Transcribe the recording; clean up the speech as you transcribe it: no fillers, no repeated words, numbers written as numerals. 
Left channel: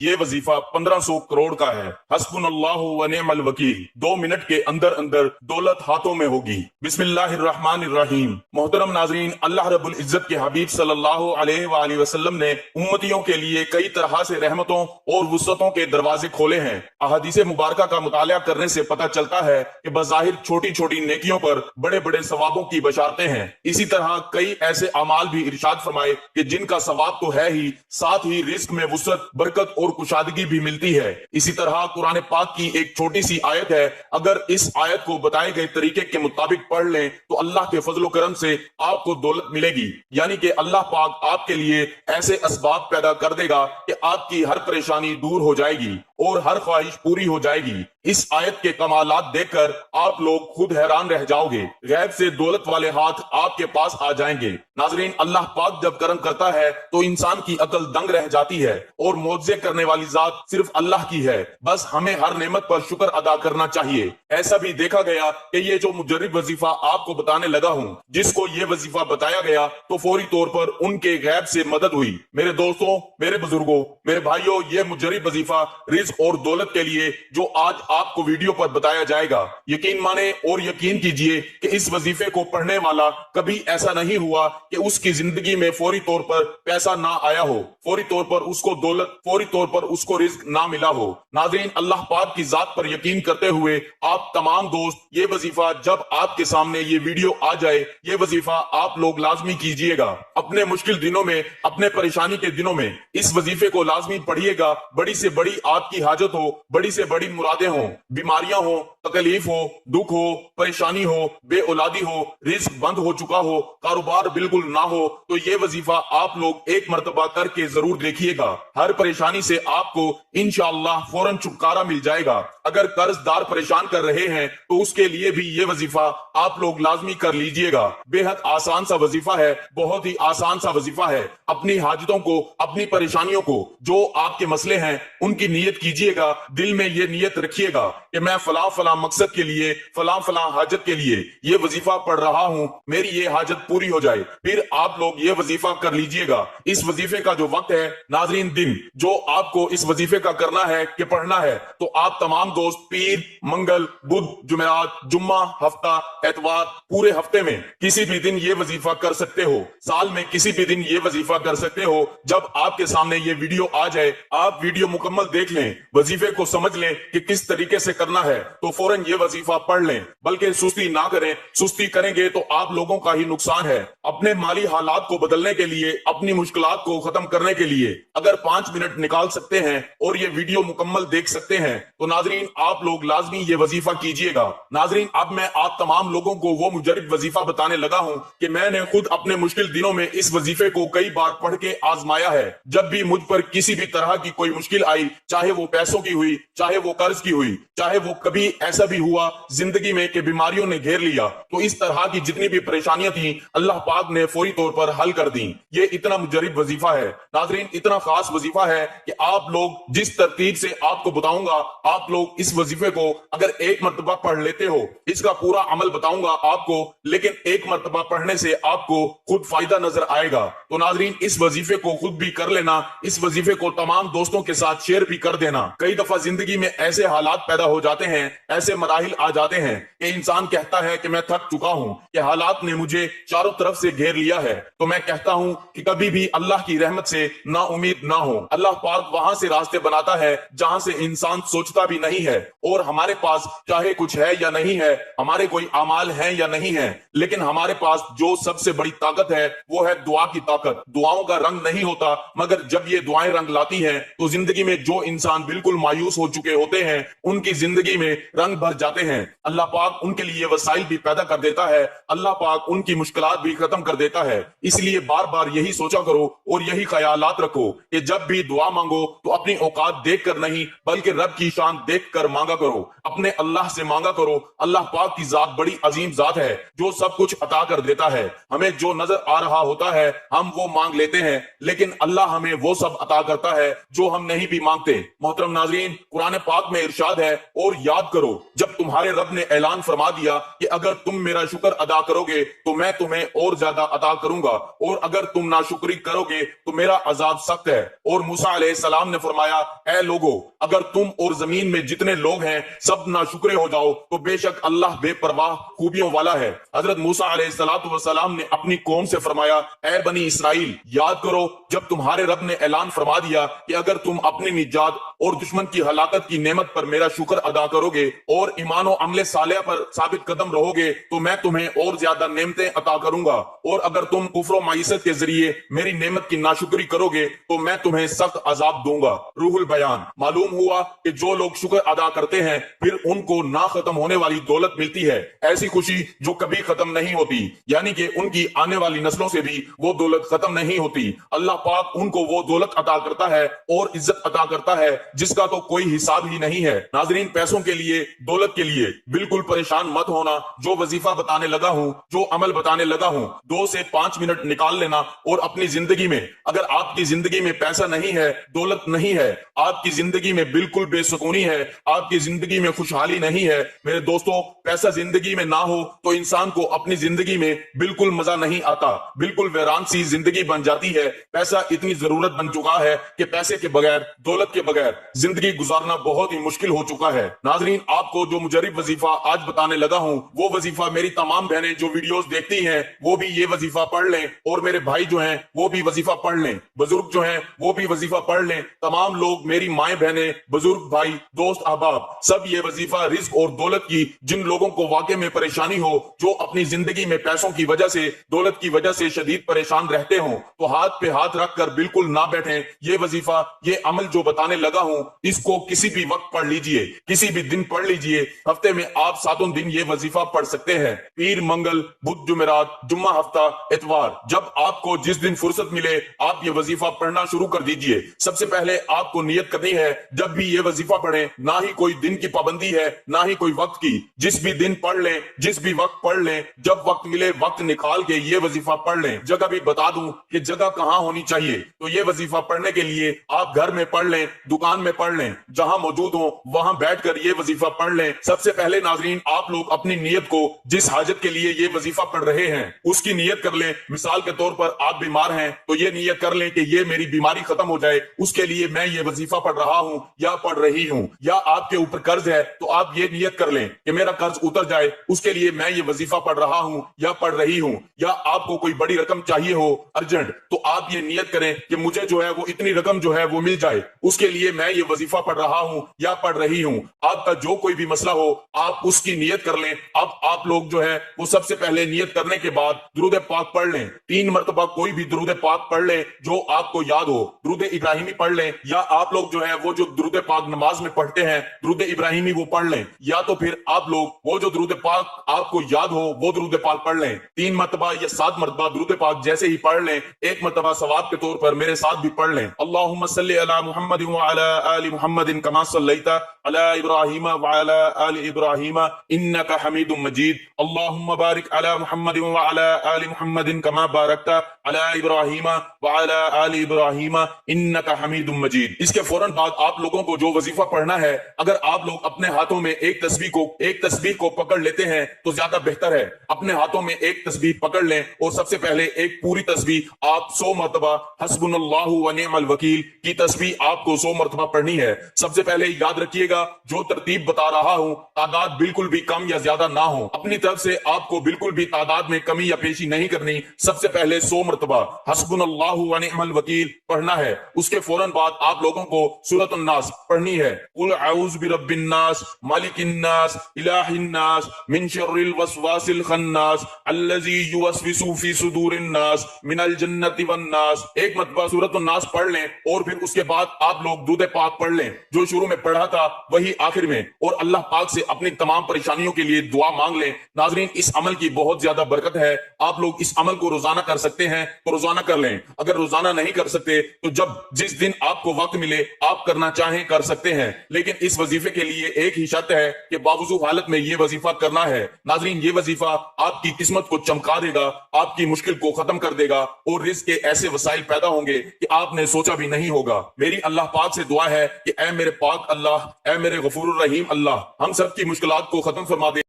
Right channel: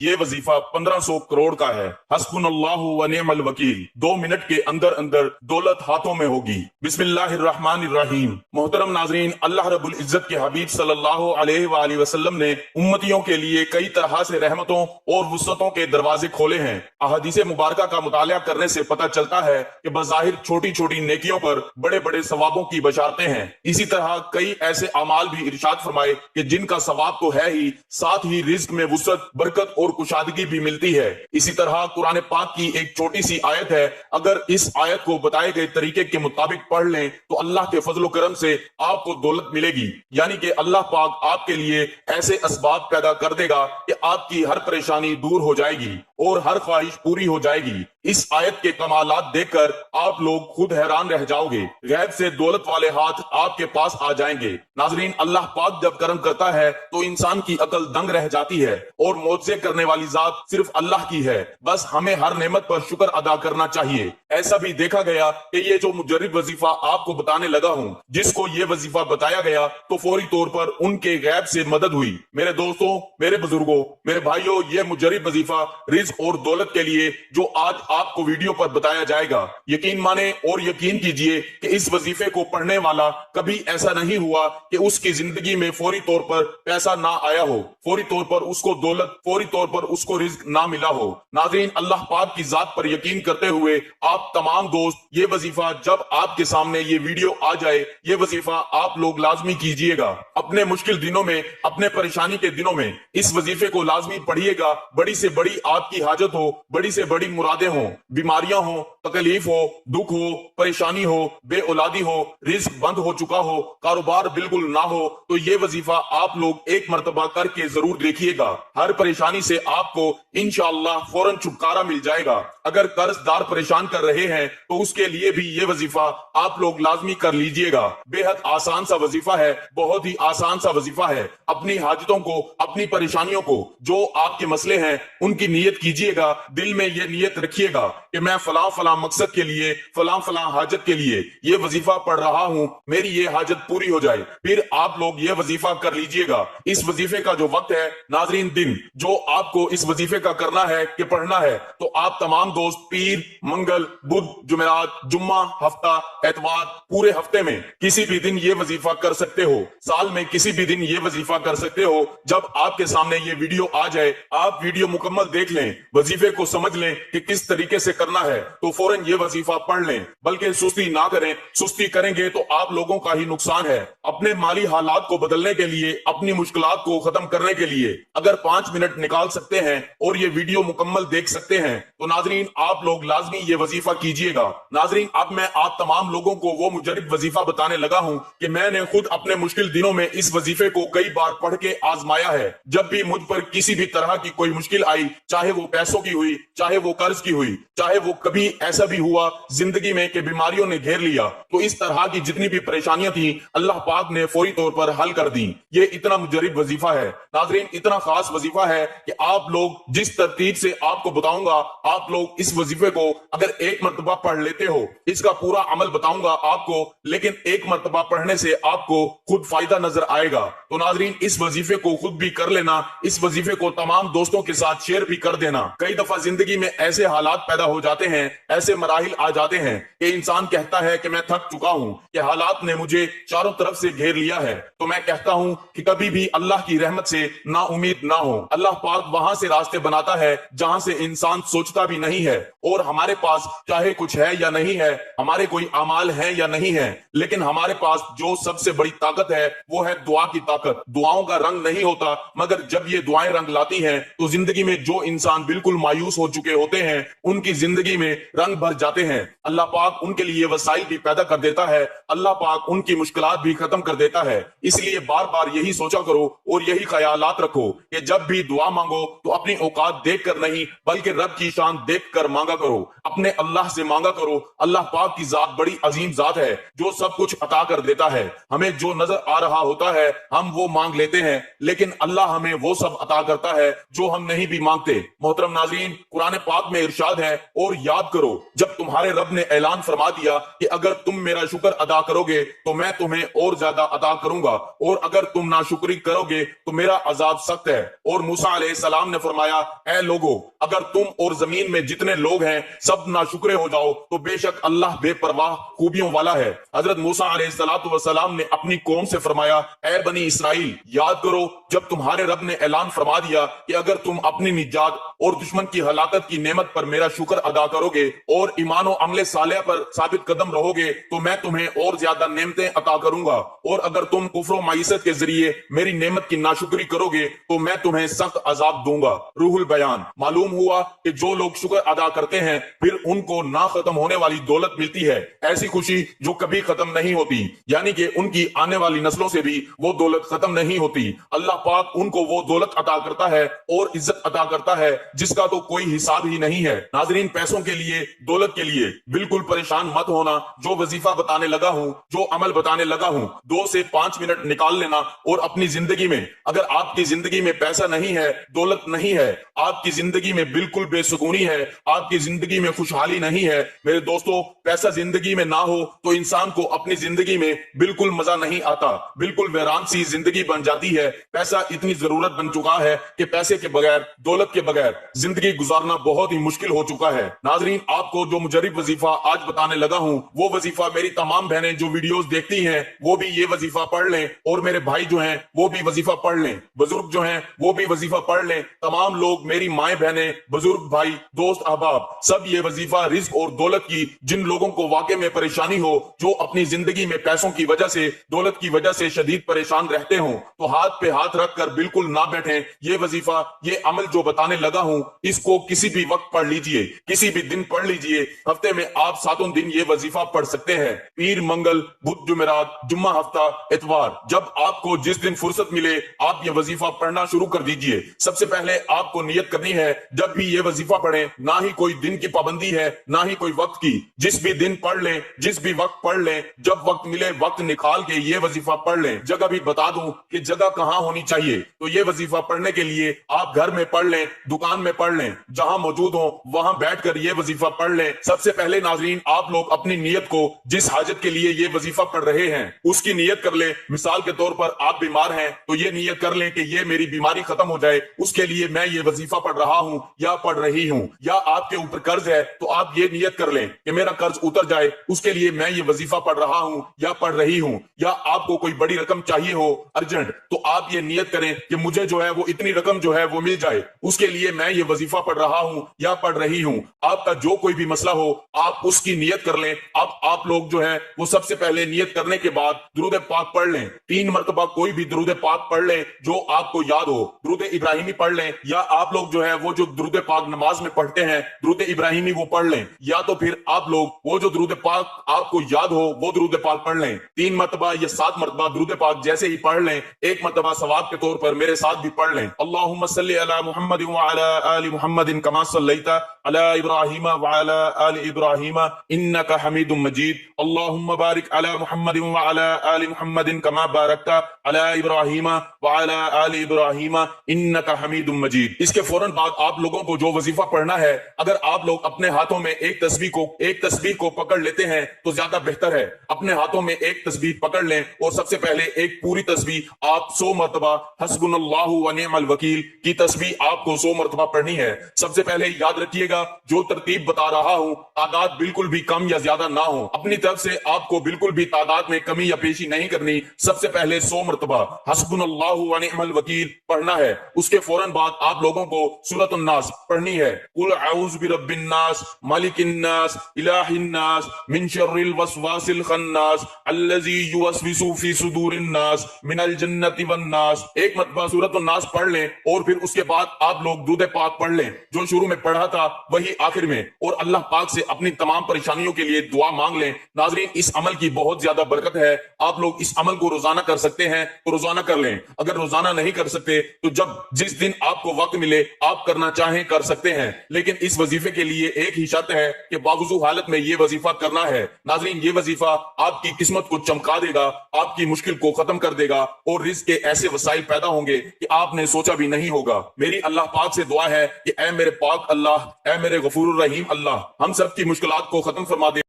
یہ وظیفہ 1500 کروڑ کا ہے۔ حسبنا اللہ و نعم الوکیل۔ 2 منٹ کے اندر اندر دولت ہاتھوں میں ہوگی۔ بسم اللہ الرحمن الرحیم۔ محترم ناظرین، اللہ رب العزت کے حبیب صلی اللہ علیہ وآلہ وسلم نے امتیوں کے لیے کئی طرح سے رحمتوں اور وسعتوں کے دروازے کھولے ہیں۔ احادیث مبارکہ کا مطالعہ کرنے سے پتہ چلتا ہے کہ بظاہر چھوٹی چھوٹی نیکیوں پر بڑے بڑے ثوابوں کی بشارتیں ہیں۔ اسی طرح کئی ایسے اعمال بھی ارشاد فرمائے کہ جن کا ثواب تو ہے ہی، ساتھ ہی رزق میں وسعت، برکت اور کشادگی بھی ملتی ہے۔ اسی طرح قرآن پاک کی ایک چھوٹی سی آیت ہے، اگر اس آیت کو بتائے گئے طریقے کے مطابق پڑھ لیں تو اللہ کے فضل و کرم سے آپ کو دولت ملے گی، یعنی کہ اللہ پاک آپ کے لیے ایسے اسباب پیدا کر دے گا کہ آپ کی ہر پریشانی دور ہو جائے گی اور ہر خواہش پوری ہو جائے گی۔ اس آیت کے کمالات دیکھ کر آپ لوگ خود حیران رہ جاؤ گے۔ غیب سے دولت والے ہاتھ آپ کے پاس آ جائیں گے۔ ناظرین، اللہ پاک جب کرم کرتا ہے تو انسان کی عقل دنگ رہ جاتی ہے، اور معجزے کرنے والی ذات صرف اللہ کی ہے۔ بس ہمیں ہر نعمت پر شکر ادا کرنا چاہیے۔ ایسا بھی دیکھا گیا کہ یہ جو مجرب وظیفہ آپ کو بتانے لگا ہوں، جس کو یہ وظیفہ بتایا گیا تو فوری طور پر ان کے غیب سے مدد ہوئی۔ میرے دوستوں، میرے بزرگوں، میرے بھائیوں، یہ مجرب وظیفہ رزق اور دولت کے لیے جو آج آپ کو ویڈیو پر بتایا جائے گا، یقین مانیں اور یقین کیجئے کہ اس وظیفے کو پڑھنے والا کبھی ایسا نہیں ہوا کہ اس کی زندگی میں فوری طور پر پیسہ نہ آیا ہو، فوری طور پر اس کو دولت، فوری طور پر اس کو رزق نہ ملا ہو۔ ناظرین، اللہ پاک کی ذات پر یقین کرتے ہوئے آپ تمام دوست، یہ وظیفہ جب آپ کے سامنے یہ ویڈیو آ جائے، یہ وظیفہ آپ لوگ لازمی کیجئے گا۔ اپنے مشکل دنوں میں، اپنے پریشانی کے دنوں میں اس وظیفے کو لازمی پڑھیے گا۔ بڑی سے بڑی آپ کی حاجت ہو، بڑی سے بڑی مرادیں ہوں، بیماریاں ہوں، تکلیف ہو، دکھ ہو، پریشانی ہو، بے اولادی ہو، رزق بند ہو چکا ہو، کاروبار بالکل نہ ہو، تو یہ وظیفہ آپ لوگ ایک مرتبہ کر کے ضرور دیکھیے گا۔ ہر پریشانی سے آپ کو انشاءاللہ فوراً چھٹکارا مل جائے گا۔ اگر قرض دار پریشان کر رہے ہیں تو اس کے لیے بھی یہ وظیفہ آپ لوگ لازمی کر لیجئے گا۔ بے حد آسان سا وظیفہ ہے، بہت ہی آسان سا وظیفہ ہے۔ اپنی حاجتوں کو، اپنی پریشانیوں کو، جو آپ کے مسئلے ہیں ان کی نیت کیجئے گا۔ دل میں یہ نیت رکھیے گا کہ میں فلاں فلاں مقصد کے لیے، فلاں فلاں حاجت کے لیے یہ وظیفہ پڑھ رہا ہوں، میری یہ حاجت پوری ہو جائے۔ پھر آپ لوگ یہ وظیفہ کر لیجئے گا۔ اس وظیفے کا جو وقت ہے ناظرین، دن جو آپ کو اس وظیفے کا کرنا ہے کہ پڑھنا ہے، تو آپ تمام دوست پیر، منگل، بدھ، جمعرات، جمعہ، ہفتہ، اتوار، پورے ہفتے میں کسی بھی دن یہ وظیفہ کر سکتے ہو۔ سال میں کسی بھی دن یہ وظیفہ کر سکتے ہو۔ جب آپ کے سامنے یہ ویڈیو آ جائے، آپ ویڈیو مکمل دیکھ لیں، وظیفے کو سمجھ لیں کہ کس طریقے سے کرنا ہے، تو فوراً یہ وظیفہ پڑھ لیں۔ بلکہ سستی نہ کریں، سستی کریں گے تو آپ لوگوں کا ہی نقصان ہے۔ اپنے مالی حالات کو بدلنے کے لیے، اپنی مشکلات کو ختم کرنے کے لیے اگر 5 منٹ نکال سکتے ہیں اور یہ ویڈیو مکمل دیکھ سکتے ہیں تو ناظرین آپ لوگ لازمی یہ وظیفہ کیجئے گا۔ ناظرین، اب میں آپ تمام لوگوں کو وہ مجرب وظیفہ بتانے لگا ہوں کہ میں نے خود اپنے مشکل دنوں میں اس وظیفے کو کئی بار پڑھ کے آزمایا ہے۔ جب بھی مجھ پر کسی بھی طرح کی کوئی مشکل آئی، چاہے وہ پیسوں کی ہوئی، چاہے وہ قرض کی ہوئی، چاہے وہ کبھی ایسا بھی ہوا زندگی میں کہ بیماریوں نے گھیر لیا، تو اس طرح کی جتنی بھی پریشانیاں تھیں اللہ پاک نے فوری طور پر حل کر دیں۔ یہ اتنا مجرب وظیفہ ہے ناظرین، اتنا خاص وظیفہ ہے کہ آپ لوگ جس ترتیب سے آپ کو بتاؤں گا، آپ لوگ اس وظیفے کو اگر ایک مرتبہ پڑھ لیتے ہو، اس کا پورا عمل بتاؤں گا آپ کو، لیکن ایک مرتبہ پڑھنے سے آپ کو خود فائدہ نظر آئے گا۔ تو ناظرین، اس وظیفے کو خود بھی کر لینا، اس وظیفے کو تمام دوستوں کے ساتھ شیئر بھی کر دینا۔ کئی دفعہ زندگی میں ایسے حالات پیدا ہو جاتے ہیں، ایسے مراحل آ جاتے ہیں کہ انسان کہتا ہے کہ میں تھک چکا ہوں، کہ حالات نے مجھے چاروں طرف سے گھیر لیا ہے۔ تو میں کہتا ہوں کہ کبھی بھی اللہ کی رحمت سے نا امید نہ ہو۔ اللہ پاک وہاں سے راستے بناتا ہے جہاں سے انسان سوچتا بھی نہیں ہے، اور ہمارے پاس چاہے کچھ ہے یا نہیں ہے، ہمارے کوئی اعمال ہیں یا نہیں ہے، لیکن ہمارے پاس جو سب سے بڑی طاقت ہے وہ ہے دعا کی طاقت۔ دعاؤں کا رنگ نہیں ہوتا، مگر جب یہ دعائیں رنگ لاتی ہیں تو زندگی میں جو انسان بالکل مایوس ہو چکے ہوتے ہیں ان کی زندگی میں رنگ بھر جاتے ہیں۔ اللہ پاک ان کے لیے وسائل بھی پیدا کر دیتا ہے، اللہ پاک ان کی مشکلات بھی ختم کر دیتا ہے۔ اس لیے بار بار یہی سوچا کرو اور یہی خیالات رکھو کہ جب بھی دعا مانگو تو اپنی اوقات دیکھ کر نہیں بلکہ رب کی شان دیکھ کر مانگا کرو، اپنے اللہ سے مانگا کرو۔ اللہ پاک کی ذات بڑی عظیم ذات ہے جو سب کچھ عطا کر دیتا ہے۔ ہمیں جو نظر آ رہا ہوتا ہے ہم وہ مانگ لیتے ہیں، لیکن اللہ ہمیں وہ سب عطا کرتا ہے جو ہم نہیں بھی مانگتے۔ محترم ناظرین، قرآن پاک میں ارشاد ہے، اور یاد کرو جب تمہارے رب نے اعلان فرما دیا کہ اگر تم میرا شکر ادا کرو گے تو میں تمہیں اور زیادہ عطا کروں گا، اور اگر تم ناشکری کرو گے تو میرا عذاب سخت ہے۔ اور موسیٰ علیہ السلام نے فرمایا اے لوگو اگر تم اور زمین میں جتنے لوگ ہیں سب ناشکرے ہو جاؤ تو بے شک اللہ بے پرواہ خوبیوں والا ہے۔ حضرت موسیٰ علیہ السلام نے اپنی قوم سے فرمایا اے بنی اسرائیل یاد کرو جب تمہارے رب نے اعلان فرما دیا کہ اگر تم اپنی نجات اور دشمن کی ہلاکت کی نعمت پر میرا شکر ادا کرو گے اور ایمان و عمل صالح پر ثابت قدم رہو گے تو میں تمہیں اور زیادہ نعمتیں عطا کروں گا، اور اگر تم کفر و معیشت کے ذریعے میری نعمت کی ناشکری کرو گے تو میں تمہیں سخت عذاب دوں گا۔ روح البیان۔ معلوم ہوا کہ جو لوگ شکر ادا کرتے ہیں پھر ان کو نہ ختم ہونے والی دولت ملتی ہے، ایسی خوشی جو کبھی ختم نہیں ہوتی، یعنی کہ ان کی آنے والی نسلوں سے بھی وہ دولت ختم نہیں ہوتی۔ اللہ پاک ان کو وہ دولت عطا کرتا ہے اور عزت عطا کرتا ہے جس کا تو کوئی حساب ہی نہیں ہے۔ ناظرین، پیسوں کے لیے، دولت کے لیے بالکل پریشان مت ہونا۔ جو وظیفہ بتانے لگا ہوں، جو عمل بتانے لگا ہوں، 2 سے 5 منٹ نکال لینا اور اپنی زندگی میں، اگر آپ کی زندگی میں پیسہ نہیں ہے، دولت نہیں ہے، آپ کی زندگی میں بالکل بے سکونی ہے، آپ کی زندگی میں خوشحالی نہیں ہے، میرے دوستو پیسہ زندگی میں نہ ہو تو انسان کو اپنی زندگی میں بالکل مزہ نہیں آتا، بالکل ویران سی زندگی بن جاتی ہے۔ پیسہ اتنی ضرورت بن چکا ہے کہ پیسے کے بغیر، دولت کے بغیر زندگی گزارنا بہت ہی مشکل ہو چکا ہے۔ ناظرین، آپ کو جو مجرب وظیفہ آج بتانے لگا ہوں وہ وظیفہ میری تمام بہنیں جو ویڈیوز دیکھتی ہیں وہ بھی یہ وظیفہ پڑھ لیں، اور میرے بھائی جو ہیں وہ بھی وظیفہ پڑھ لیں، بزرگ جو ہیں وہ بھی وظیفہ پڑھ لیں، تمام لوگ، میری مائیں بہنیں، بزرگ بھائی، دوست احباب، سب یہ وظیفہ رزق اور دولت کی، جن لوگوں کو واقع میں پریشانی ہو، جو اپنی زندگی میں پیسوں کی وجہ سے، دولت کی وجہ سے شدید پریشان رہتے ہوں تو ہاتھ پہ ہاتھ رکھ کر بالکل نہ بیٹھیں۔ یہ وظیفہ، یہ عمل جو بتانے لگا ہوں اس کو کسی بھی وقت پڑھ لیجئے، کسی بھی دن پڑھ لیجئے۔ ہفتے میں آپ 7 دن یہ وظیفہ پڑھ سکتے ہیں، پیر، منگل، بدھ، جمعرات، جمعہ، ہفتہ، اتوار، جب آپ کو جس دن فرصت ملے آپ یہ وظیفہ پڑھنا شروع کر دیجئے۔ سب سے پہلے آپ کو نیت کرنی ہے جب بھی یہ وظیفہ پڑھیں، نہ ہی کوئی دن کی پابندی ہے نہ ہی کوئی وقت کی، جس بھی دن پڑھ لیں، جس بھی وقت پڑھ لیں، جب وقت ملے وقت نکال کے یہ وظیفہ پڑھ لیں۔ جگہ بھی بتا دوں کہ جگہ کہاں ہونی چاہیے، تو یہ وظیفہ پڑھنے کے لیے آپ گھر میں پڑھ لیں، دکان میں پڑھ لیں، جہاں موجود ہوں وہاں بیٹھ کر یہ وظیفہ پڑھ لیں۔ سب سے پہلے ناظرین آپ لوگ اپنی نیت کو، جس حاجت کے لیے یہ وظیفہ پڑھ رہے ہیں اس کی نیت کر لیں۔ مثال کے طور پر آپ بیمار ہیں تو یہ نیت کر لیں کہ یہ میری بیماری ختم ہو جائے، اس کے لیے میں یہ وظیفہ پڑھ رہا ہوں یا پڑھ رہی ہوں۔ یا آپ کے اوپر قرض ہے تو آپ یہ نیت کر لیں کہ میرا قرض اتر جائے، اس کے لیے میں یہ وظیفہ پڑھ رہا ہوں یا پڑھ رہی ہوں۔ یا آپ کو کوئی بڑی رقم چاہیے ہو ارجنٹ تو آپ یہ نیت کریں کہ مجھے جو ہے وہ اتنی رقم جو ہے وہ مل جائے، اس کے لیے میں یہ وظیفہ پڑھ رہا ہوں یا پڑھ رہی ہوں۔ آپ کا جو کوئی بھی مسئلہ ہو آپ اس کی نیت کر لیں۔ اب آپ لوگ جو ہے وہ سب سے پہلے نیت کرنے کے بعد درود پاک پڑھ لیں، 3 مرتبہ کوئی بھی درود پاک پڑھ لیں جو آپ کو یاد ہو۔ درود ابراہیمی پڑھ لیں، یا آپ لوگ جو ہے وہ جو درود پاک نماز میں پڑھتے ہیں درود ابراہیمی وہ پڑھ لیں، یا تو پھر آپ لوگ وہ جو درود پاک آپ کو یاد ہو وہ درود پاک پڑھ لیں۔ 3 مرتبہ یا 7 مرتبہ درود پاک جیسے ہی پڑھ لیں، 1 مرتبہ ثواب کے طور پر میرے ساتھ بھی پڑھ لیں۔ اللہم صلی علی محمد وعلی آل محمد کما صلیت علی ابراہیم وعلی آل ابراہیم انک حمید مجید۔ اللہم بارک علی محمد وعلی آل محمد کما بارکت علی ابراہیم وعلی آل ابراہیم انک حمید مجید۔ اس کے فوراً بعد آپ لوگوں کو جو وظیفہ پڑھنا ہے، اگر آپ لوگ اپنے ہاتھوں میں ایک تسبیح کو پکڑ لیتے ہیں تو زیادہ بہتر ہے۔ اپنے ہاتھوں میں ایک تسبیح پکڑ لیں اور سب سے پہلے ایک پوری تسبیح آپ 100 مرتبہ حسبنا اللہ ونعم الوکیل کی تسبیح آپ کو 100 مرتبہ پڑھنی ہے۔ سب سے پہلے یاد رکھیے گا جو ترتیب بتا رہا ہوں تعداد بالکل بھی کم یا زیادہ نہ ہو، اپنی طرف سے آپ کو بالکل بھی تعداد میں کمی یا پیشی نہیں کرنی۔ سب سے پہلے 100 مرتبہ حسبنا اللہ ونعم الوکیل پڑھنا ہے۔ اس کے فوراً بعد آپ لوگوں کو سورۃ الناس پڑھنی ہے۔ قل اعوذ برب الناس مالک الناس الہ الناس من شر الوسواس الخناس الذی یوسوس فی صدور الناس من الجنۃ والناس۔ 1 مرتبہ سورۃ الناس پڑھ لیں اور پھر اس کے بعد آپ لوگ درود پاک پڑھ لیں، جو شروع میں پڑھا تھا وہی آخر میں، اور اللہ پاک سے اپنی تمام پریشانیوں کے لیے دعا مانگ لیں۔ ناظرین، اس عمل کی بہت زیادہ برکت ہے۔ آپ لوگ اس عمل کو روزانہ کر سکتے ہیں تو روزانہ کر لیں، اگر روزانہ نہیں کر سکتے تو جس دن آپ کو وقت ملے آپ کرنا چاہیں کر سکتے ہیں، لیکن اس وظیفے کے لیے ایک ہی شرط ہے کہ باوضو حالت میں یہ وظیفہ کرنا ہے۔ ناظرین، یہ وظیفہ آپ کی قسمت کو چمکا دے گا، آپ کی مشکل کو ختم کر دے گا، اور رزق کے ایسے وسائل پیدا ہوں گے کہ آپ نے سوچا بھی نہیں ہوگا۔ میری اللہ پاک سے دعا ہے کہ اے میرے پاک اللہ، اے میرے غفور الرحیم اللہ، ہم سب کی مشکلات کو ختم فرما دے۔